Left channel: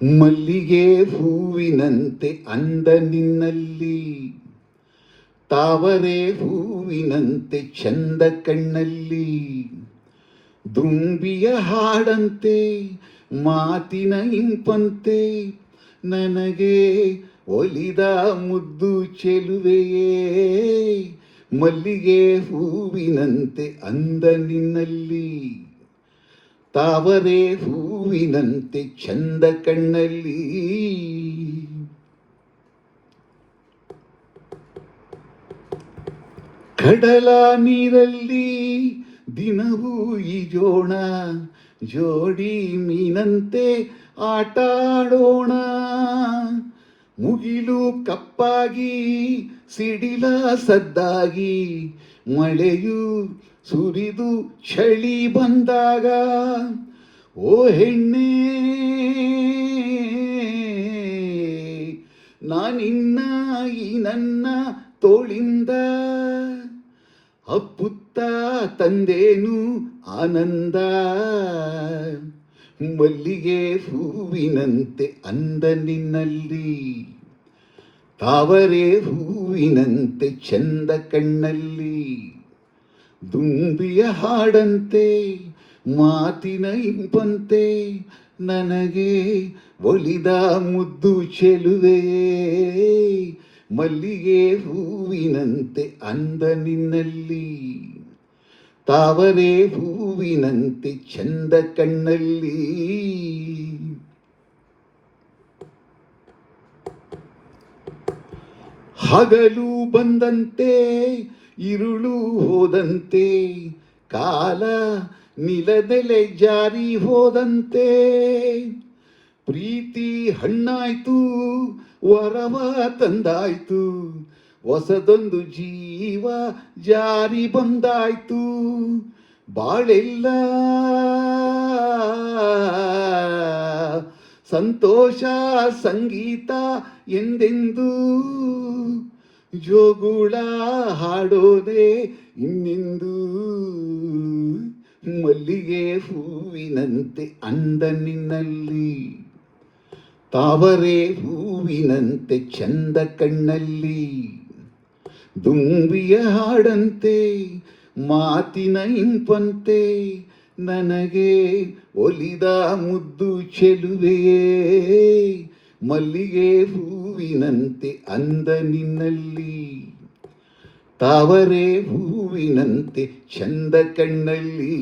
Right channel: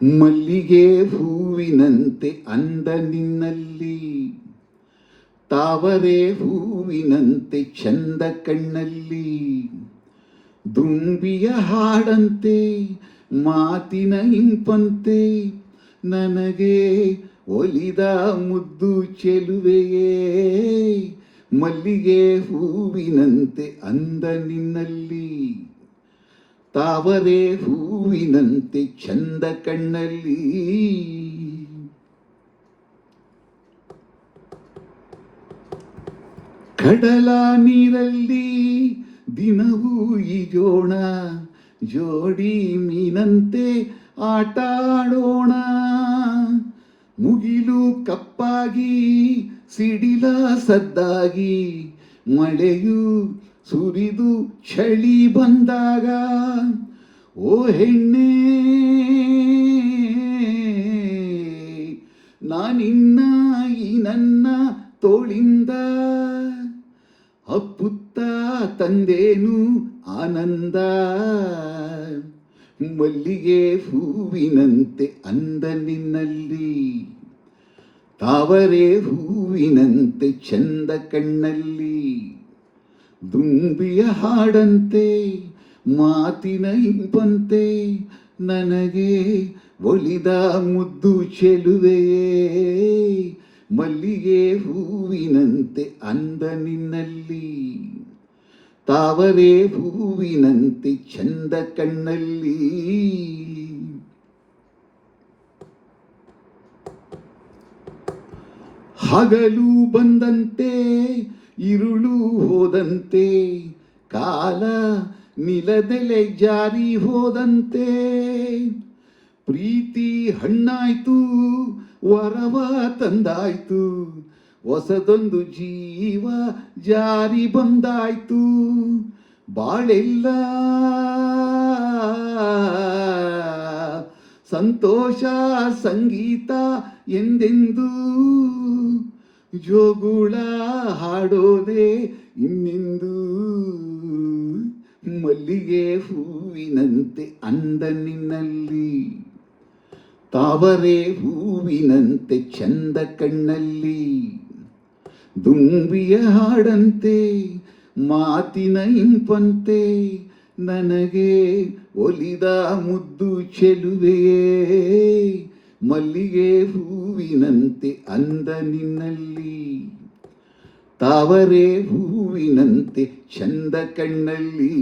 ಮಲ್ಲಿಗೆ ಹೂವಿನಂತೆ ಅಂದ ನಿನ್ನಲ್ಲಿ, ತಾವರೆ ಹೂವಿನಂತೆ ಚಂದ ಕಣ್ಣಲ್ಲಿ, ದುಂಬಿಯ ಹಾಡಂತೆ ಮಾತಿನ ಇಂಪಂತೆ ನನಗೆ ಒಲಿದ ಮುದ್ದು ಚೆಲುವೆಯೇ. ಮಲ್ಲಿಗೆ ಹೂವಿನಂತೆ ಅಂದ ನಿನ್ನಲ್ಲಿ, ತಾವರೆ ಹೂವಿನಂತೆ ಚಂದ ಕಣ್ಣಲ್ಲಿ. ಕಡಲ ನೀರಲ್ಲಿ ದಿನವೂ ಈಜೋಣ, ಜೋಡಿ ಮೀನಂತೆ ಆಟಾಡೋಣ. ಮುಗಿಲು ಕಪ್ಪಾಗಿ ಸಿಡಿಲ ಸದ್ದಾಗಿ, ಮಳೆಯು ಸುರಿದು ಚಳಿ ಬಂದಾಗ, ಓ ಹೆಣ್ಣೆ ನಾನಿನ್ನ ಈ ನನ್ನ ತೋಳಿಂದ ಅಪ್ಪುತ್ತ ತಂದೇನು ಆನಂದ. ಮಲ್ಲಿಗೆ ಹೂವಿನಂತೆ ಅಂದ ನಿನ್ನಲ್ಲಿ, ತಾವರೆ ಹೂವಿನಂತೆ ಚಂದ ಕಣ್ಣಲ್ಲಿ, ದುಂಬಿಯ ಹಾಡಂತೆ ಮಾತಿನ ಇಂಪಂತೆ ನನಗೆ ಒಲಿದ ಮುದ್ದು ಚೆಲುವೆಯೇ. ಮಲ್ಲಿಗೆ ಹೂವಿನಂತೆ ಅಂದ ನಿನ್ನಲ್ಲಿ, ತಾವರೆ ಹೂವಿನಂತೆ ಚಂದ ಕಣ್ಣಲ್ಲಿ. ಹಗಲು ಬಂದಂತೆ ಇರುಳು ಹೋದಂತೆ, ಕಾಲ ನಿಲದೆಲೆ ಜಾರಿ ಹೋದಂತೆ, ಪ್ರೀತಿ ಹಣ್ಣಾಯ್ತು ವರವ ತಂದಾಯ್ತು, ಹೊಸದೊಂದು ಜೀವ ಜಾರಿ ಬಂದಾಯ್ತು. ಬಾಳೆಲ್ಲ ಸಂತೋಷ ಸಂಗೀತ ಎಂದೆಂದು, ಜೋಗುಳ ಹಾಡೋದೆ ಇನ್ನೆಂದು. ಮಲ್ಲಿಗೆ ಹೂವಿನಂತೆ ಅಂದ ನಿನ್ನಲ್ಲಿ, ತಾವರೆ ಹೂವಿನಂತೆ ಚಂದ ಕಣ್ಣಲ್ಲಿ, ದುಂಬಿಯ ಹಾಡಂತೆ ಮಾತಿನ ಇಂಪಂತೆ ನನಗೆ ಒಲಿದ ಮುದ್ದು ಚೆಲುವೆಯೇ. ಮಲ್ಲಿಗೆ ಹೂವಿನಂತೆ ಅಂದ ನಿನ್ನಲ್ಲಿ, ತಾವರೆ ಹೂವಿನಂತೆ ಚಂದ ಕಣ್ಣಲ್ಲಿ.